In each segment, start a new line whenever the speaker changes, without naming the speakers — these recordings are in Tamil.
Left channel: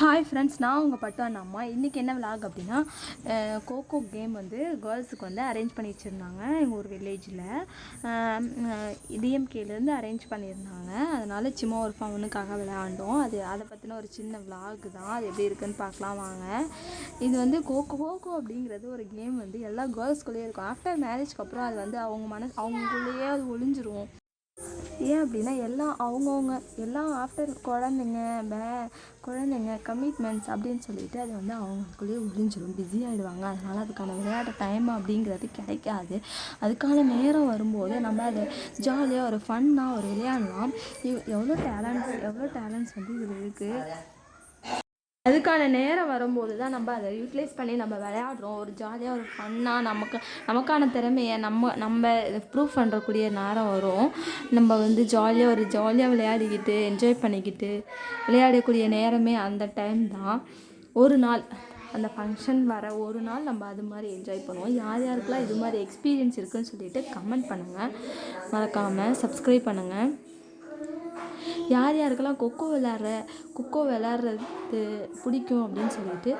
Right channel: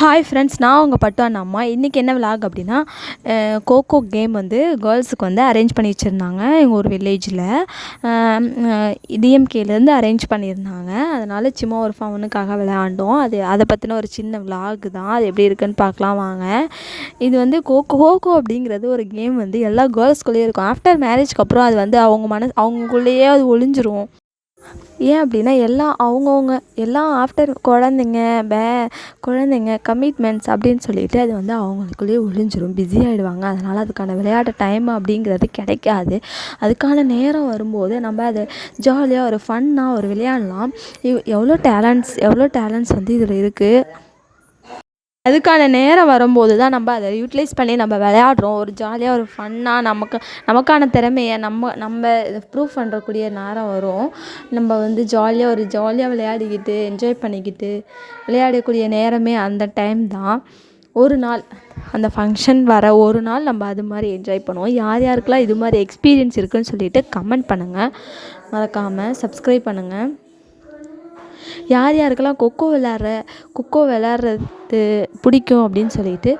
ஹாய் ஃப்ரெண்ட்ஸ் நான் உங்கள் பட்டு அண்ணா அம்மா. இன்றைக்கி என்ன விளாக் அப்படின்னா கோகோ கேம் வந்து கேர்ள்ஸுக்கு வந்து அரேஞ்ச் பண்ணி வச்சுருந்தாங்க. எங்கள் ஒரு வில்லேஜில் டிஎம்கேலேருந்து அரேஞ்ச் பண்ணியிருந்தாங்க. அதனால் சும்மா ஒரு ஃபவுனுக்காக விளையாண்டோம். அது அதை பற்றின ஒரு சின்ன விளாக் தான். அது எப்படி இருக்குன்னு பார்க்கலாம் வாங்க. இது வந்து கோகோ கோகோ அப்படிங்கிறது ஒரு கேம் வந்து எல்லா கேர்ள்ஸ்குள்ளேயும் இருக்கும். ஆஃப்டர் மேரேஜ்க்கு அப்புறம் அது வந்து அவங்க மன அவங்களுக்குள்ளேயே அது ஒளிஞ்சிரும். ஏன் அப்படின்னா எல்லாம் அவங்கவுங்க எல்லாம் ஆஃப்டர் குழந்தைங்க பே குழந்தைங்க கமிட்மெண்ட்ஸ் அப்படின்னு சொல்லிட்டு அது வந்து அவங்களுக்குள்ளேயே ஒழிஞ்சிரும் பிஸி ஆகிடுவாங்க அதனால் அதுக்கான விளையாட்டு டைம் அப்படிங்கிறது கிடைக்காது. அதுக்கான நேரம் வரும்போது நம்ம அதை ஜாலியாக ஒரு ஃபன்னாக ஒரு விளையாடலாம். எவ்வளோ டேலண்ட்ஸ் எவ்வளோ டேலண்ட்ஸ் வந்து இதில் இருக்குது அதுக்கான நேரம் வரும்போது தான் நம்ம அதை யூட்டிலைஸ் பண்ணி நம்ம விளையாடுறோம். ஒரு ஜாலியாக ஒரு ஃபன்னாக நமக்கு நமக்கான திறமையை நம்ம நம்ம ப்ரூவ் பண்ணுறக்கூடிய நேரம் வரும். நம்ம வந்து ஜாலியாக ஒரு ஜாலியாக விளையாடிக்கிட்டு என்ஜாய் பண்ணிக்கிட்டு விளையாடக்கூடிய நேரமே அந்த டைம் தான். ஒரு நாள் அந்த ஃபங்க்ஷன் வர ஒரு நாள் நம்ம அது மாதிரி என்ஜாய் பண்ணுவோம். யார் யாருக்கெல்லாம் இது மாதிரி எக்ஸ்பீரியன்ஸ் இருக்குதுன்னு சொல்லிட்டு கமெண்ட் பண்ணுங்கள் மறக்காமல் சப்ஸ்கிரைப் பண்ணுங்கள் யார் யாருக்கெல்லாம் கொக்கோ விளாட்ற கொக்கோ விளாட்றது பிடிக்கும் அப்படின்னு சொல்லிட்டு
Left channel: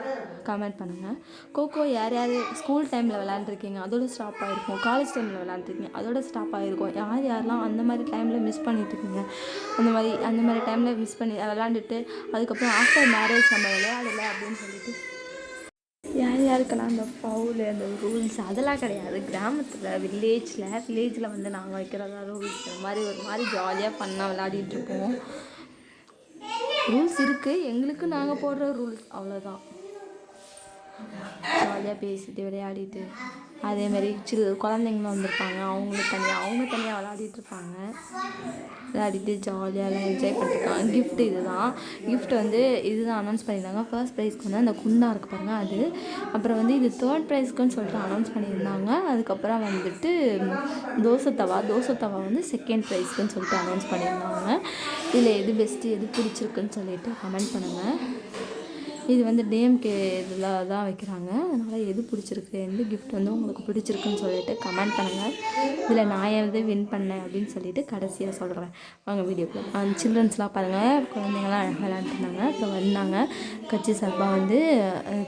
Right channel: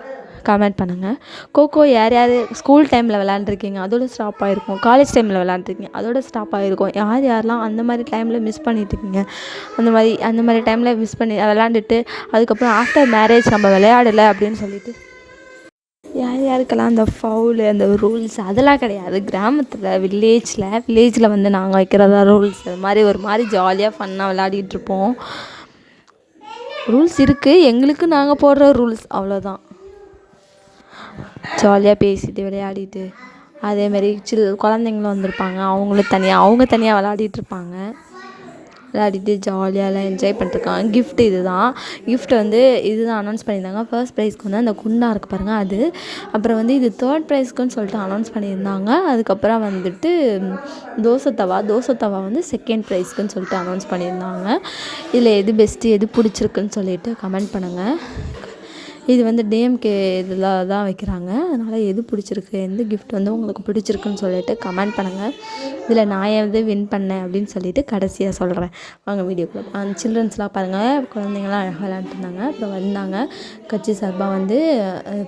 கமெண்ட் பண்ணுங்கள் கோகோ யார் யார் ஸ்கூல் டைமில் விளாண்டுருக்கீங்க அதோட ஸ்டாப் ஆகிருக்கும் காலேஜ் டைமில் விளாண்டுருக்கீங்க அதோட ஸ்டாப் ஆகிருக்கும் யார் யாரெல்லாம் அந்த மாதிரி டைமில் மிஸ் பண்ணிட்டுருக்கீங்க அந்த மாதிரி அந்த மாதிரி டைமில் மிஸ் பண்ணி விளாண்டுட்டு அதுக்கப்புறம் ஆஃப்டர் மேரேஜ் நம்ம விளையாடலை அப்படின்னு சொல்லிட்டு இருக்கலாம். அந்த ஃபவுலு அந்த ரூல்ஸ் அதெல்லாம் கிடையாது. கிராமத்தில் வில்லேஜில் வில்லேஜில் வந்து நாங்கள் வைக்கிறதா ரூல்ஸ் அது மாதிரி ஒரு மாதிரி ஜாலியாக ஃபன்னாக விளையாடிட்டுருப்போம் ரூல்ஸ் இருக்குது எங்களுக்கு நாங்கள் போடுற ரூல்ஸ் அவ்வளோதான் ஜாலியாக பேசிட்டு விளையாடிட்டு அதேமாரி சில் குழந்தைங்களும் வந்திருப்பாங்க. அவங்களும் தனியாக அவங்க தனியாக விளையாடிட்டு இருப்பாங்க. விளையாடிட்டு ஜாலியாகலாம் என்ஜாய் பண்ணிட்டுருக்கான் கிஃப்ட் இது தான் கிஃப்ட் வந்து இது தான் அனௌன்ஸ் பண்ணியிருந்தாங்க ஃபர்ஸ்ட் ப்ரைஸ்க்கு வந்து அந்த குண்டா இருக்குது பாருங்கள் அது. அப்புறம் வந்து இது தேர்ட் ப்ரைஸ்க்குன்னு சொல்லிட்டு அனௌன்ஸ் பண்ணியிருந்தாங்க. அதுக்கப்புறம் வந்துட்டு தோசை தவா தோசை தவா வந்து செகண்ட் ப்ரைஸ்க்குன்னு சொல்லிட்டு அனௌன்ஸ் பண்ணியிருந்தாங்க. இதில் எது பெஸ்ட்டு எது பிடிச்சிருக்குன்னு சொல்லிட்டு கமெண்ட் பண்ணுங்கள் இது வந்து டிஎம்கே இதில் தான் வைக்கிறாங்க. அதனால் எது பிடிச்சிருக்கு எந்த கிஃப்ட் வந்து உங்களுக்கு பிடிச்சிருக்குன்னு சொல்லிட்டு கமெண்ட் பண்ணுங்கள் இதில் நான் வந்து வின் பண்ணேன் அப்படின்னு சொல்லிட்டு கடைசியாக சொல்கிறேன் வாங்க வீடியோக்குள்ளே அந்த சில்ட்ரன்ஸ்லாம் பாருங்கள் குழந்தைங்களாம் அழகாக விளாண்டுருந்தாங்க அப்புறம் வந்தாங்க. கட்சி சார்பாக வந்து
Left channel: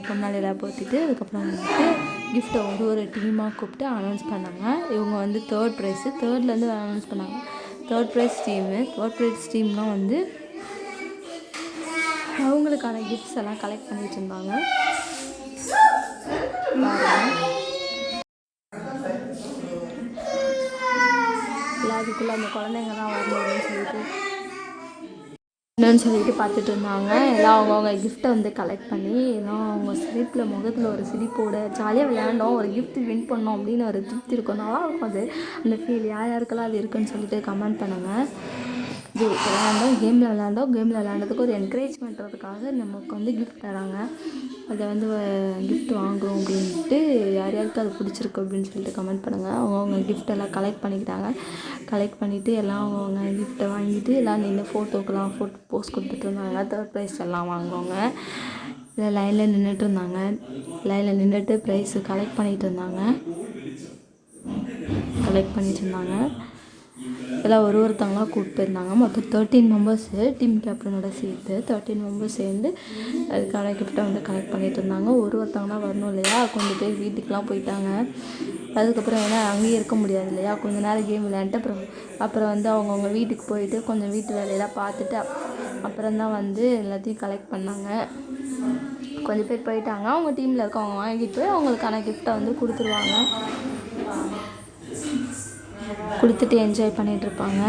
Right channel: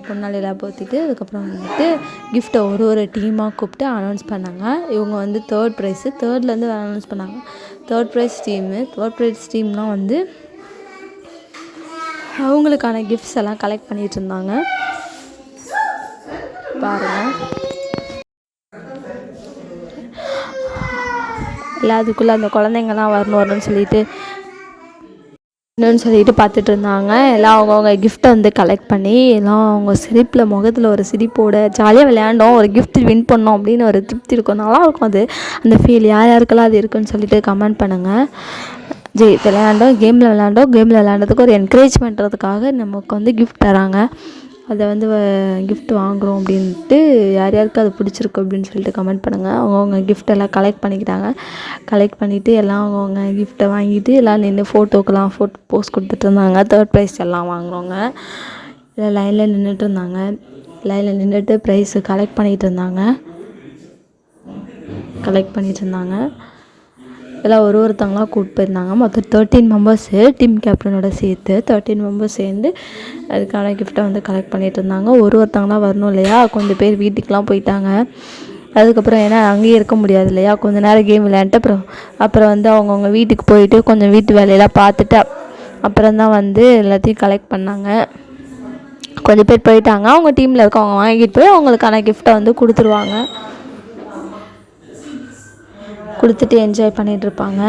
பொன்னாலையெல்லாம் போத்திட்டு அதுக்கப்புறம் வந்துட்டு கிஃப்ட்டை ஒரு ஒரு டீமாக கூப்பிட்டு அனௌன்ஸ் பண்ணாங்க. இவங்க வந்து தேர்ட் ப்ரைஸு தேர்ட்லேருந்து அனௌன்ஸ் பண்ணாங்க. Third prize team third prize டீம்லாம் வந்து அவங்களுக்கான கிஃப்ட்ஸ் எல்லாம் கலெக்ட் பண்ணிகிட்டு இருந்தாங்க. பாருங்கள் அதுக்குள்ளே அந்த குழந்தைங்கலாம் வரணும் வரணும்னு சொல்லிட்டு இன்னொன்று சொல்லிட்டு பார்த்துட்டு இருந்தாங்க. எல்லாம் அவங்கவுங்க கிஃப்ட்டை வந்து கலெக்ட் பண்ணி எல்லாம் அவங்க சிரிப்பில் முகத்தில் ஒரு சிரிப்போட ஜாலியாக விளையாண்டோம். ஒரு கிஃப்ட் வின் பண்ணோம் அப்படின்னு ஒரு திருப்தி இருக்கும். நல்லாயிருக்கும் அது. அந்த ஃபீல் யார் யாருக்கெல்லாம் அது இருக்குன்னு சொல்லிட்டு கமெண்ட் பண்ணுங்கள் ஜெய் விளையாண்டோம் கேமில் விளையாண்டோம். கேமில் விளையாண்டதுக்கு ஒரு என்கரேஜ் பண்ணுறதுக்காக நமக்கு வந்து கிஃப்ட் தராங்க. அதை வந்து கிஃப்ட் வாங்குகிறோம் அப்படின்ட்டு யார் யாருக்கு அது பிடிச்சிருக்கு அப்படின்னு சொல்லிட்டு கமெண்ட் பண்ணுங்கள் அவங்கவுங்க கிஃப்ட் எல்லாம் கலெக்ட் பண்ணிக்கிட்டாங்க. கலெக்ட் பண்ணிவிட்டு எல்லாம் அவங்கவுங்க கிஃப்ட்டை வாங்கிட்டு எல்லாம் நின்று ஃபோட்டோக்கெல்லாம் ஃபோட்டோ போஸ்ட் கொடுத்துட்டு இருந்தாங்க தேர்ட் ப்ரைஸ் எல்லாம் வாங்குறவங்க. லைனில் நின்றுட்டு இருந்தாங்க லைனில் நின்றுட்டு ப்ரைஸு கலெக்ட் பண்ணிகிட்டு இருந்தாங்க கலெக்ட் பண்ணிகிட்டு இருந்தாங்க எல்லாம் ஒரு ஒருத்தவங்களாக கூப்பிட்டு போயிருந்தாங்க. மொத்தம் தேர்ட்டீன் மெம்பர்ஸு டீம் கேப்டனோட சேர்த்து தேர்ட்டீன் மெம்பர்ஸ் சேர்ந்து அதுக்கான கிஃப்ட்டை வந்து கலெக்ட் பண்ணிகிட்டு இருந்தாங்க. ஒரு ஒருத்தவங்களாம் வரணும் இல்லையா? கொஞ்சம் பேர் வீட்டுக்கெலாம் போயிட்டாங்க. அதுக்கப்புறம் ஏன்னா அங்கேயே இருக்க முடியாது இல்லையா? கொஞ்ச நேரம் கேம் விளையாண்டுட்டு அப்புறம் அப்புறம் வந்து அவங்கவுங்க வீட்டுக்கு போயிட்டு கொஞ்சம் வீட்டு வேலையெல்லாம் பார்த்துட்டு அப்புறம் தான் வந்து எல்லாத்தையும் கலெக்ட் பண்ணாங்க. கொஞ்சம் பேர் போயிட்டாங்க. அவங்க டீமில் இருக்கவங்க வாங்கிட்டு போய் அவங்களுக்கான கிஃப்ட்டை வந்து கொடுத்துருவாங்க. கொடுத்துட்டு என்ஜாய் பண்ணிகிட்ருப்பாங்க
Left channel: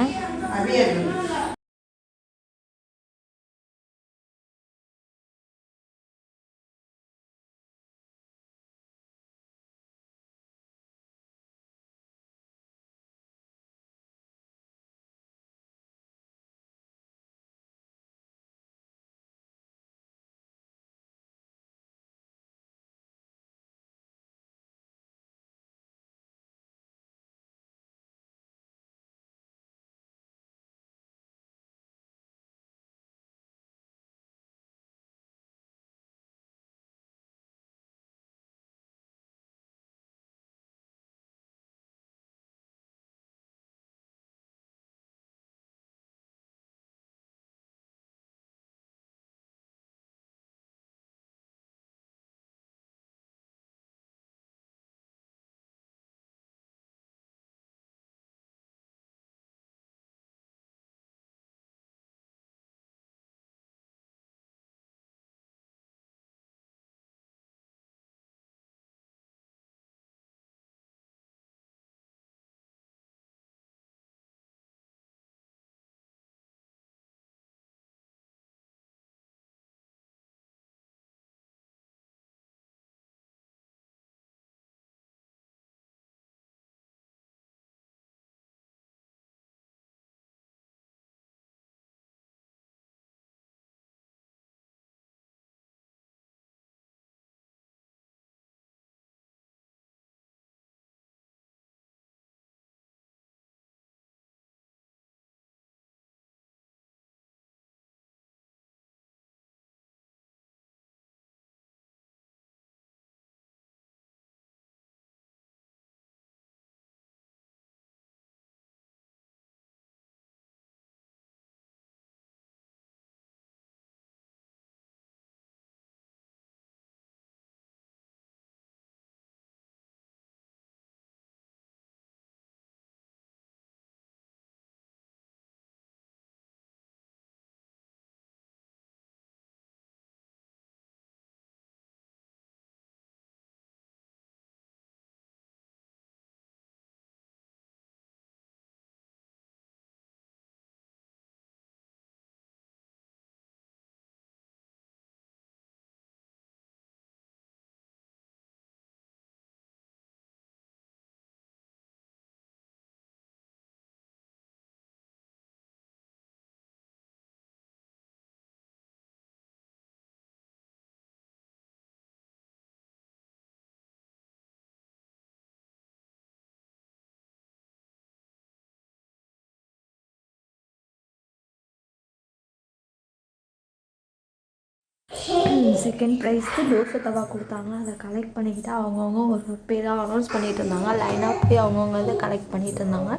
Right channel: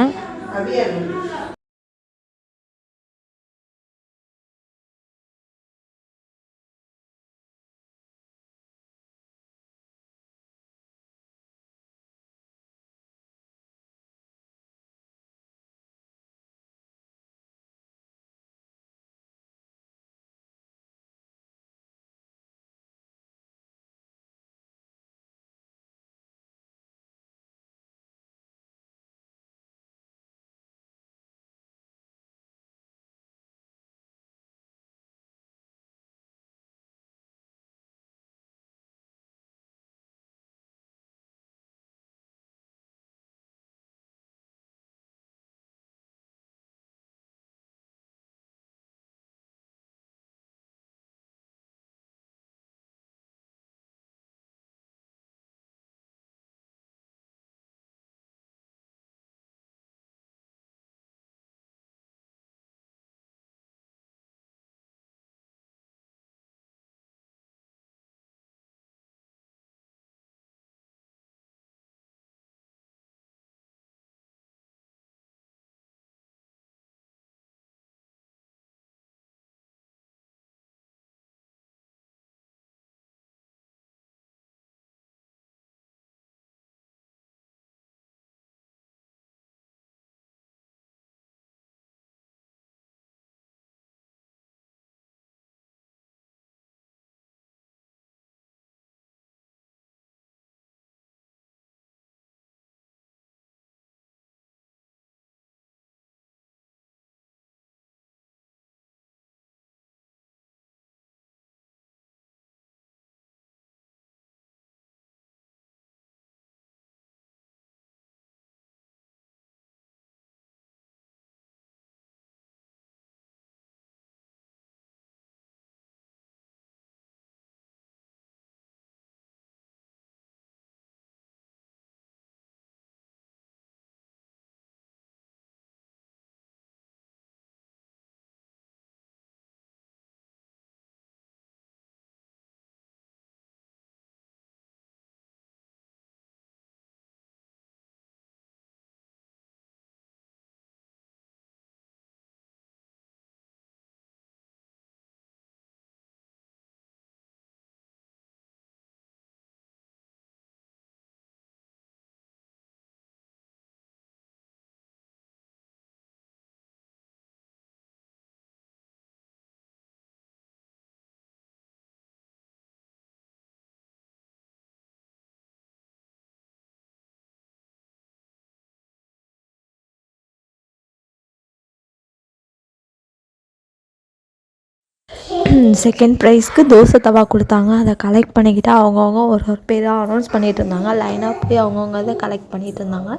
செகண்ட் ப்ரைஸ்க்கு தோசை தவா கொடுத்தாங்க. அதை கலெக்ட் பண்ணிக்கிட்டு அவங்கவுங்க ஒரு ஒரு பேராக அனௌன்ஸ் பண்ணிகிட்டு இருந்தாங்க. லைனாக போய் அவங்கவுங்க இதை கலெக்ட் பண்ணிகிட்டு இருந்தாங்க.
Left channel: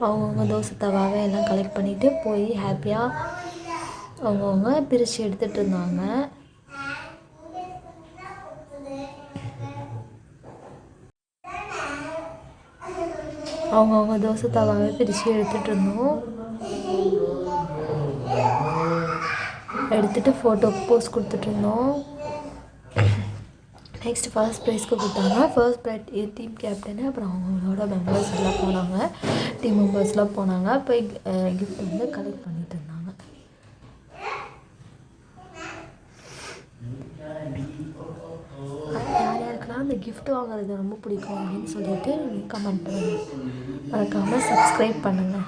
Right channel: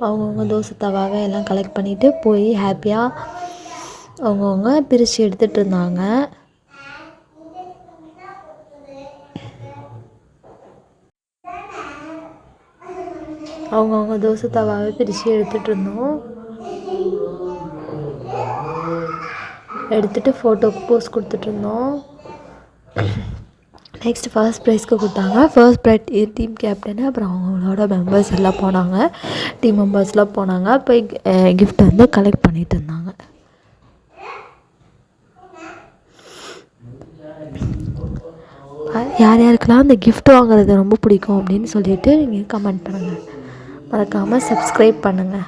அவங்கவுங்க தோசை தவாவை எல்லாம் கலெக்ட் பண்ணிவிட்டு போய் ஹாப்பியாக அவங்கவுங்க பிரித்து எடுத்துகிட்டு இருந்தாங்க. அவங்கவுங்க தோசை தவாவை பிரித்து எடுத்துகிட்டு இருந்தோம். எடுத்துகிட்டு ஃபோட்டோக்கு போஸ் கொடுத்துட்ருந்தோம் நெக்ஸ்ட் ஃபர்ஸ்ட் ப்ரைஸ்க்கு கொடுத்தாங்க. ஃபர்ஸ்ட் ப்ரைட் டீம் கேப்டனு அப்புறம் அவங்களோட மெம்பர்ஸ் எல்லாம் போனாங்க. டீம் மெம்பர்ஸ்லாம் போனாங்க. போய் கிஃப்ட் வந்து கலெக்ட் பண்ணிட்டு இருந்தாங்க. யார் யாருக்கெல்லாம் அந்த கிஃப்ட் வாங்குறது ரொம்ப பிடிக்கும் அப்படின்னு சொல்லிட்டு நீங்கள் கமெண்ட் பண்ணுங்கள் மறக்காமல் சப்ஸ்கிரைப் பண்ணுங்கள்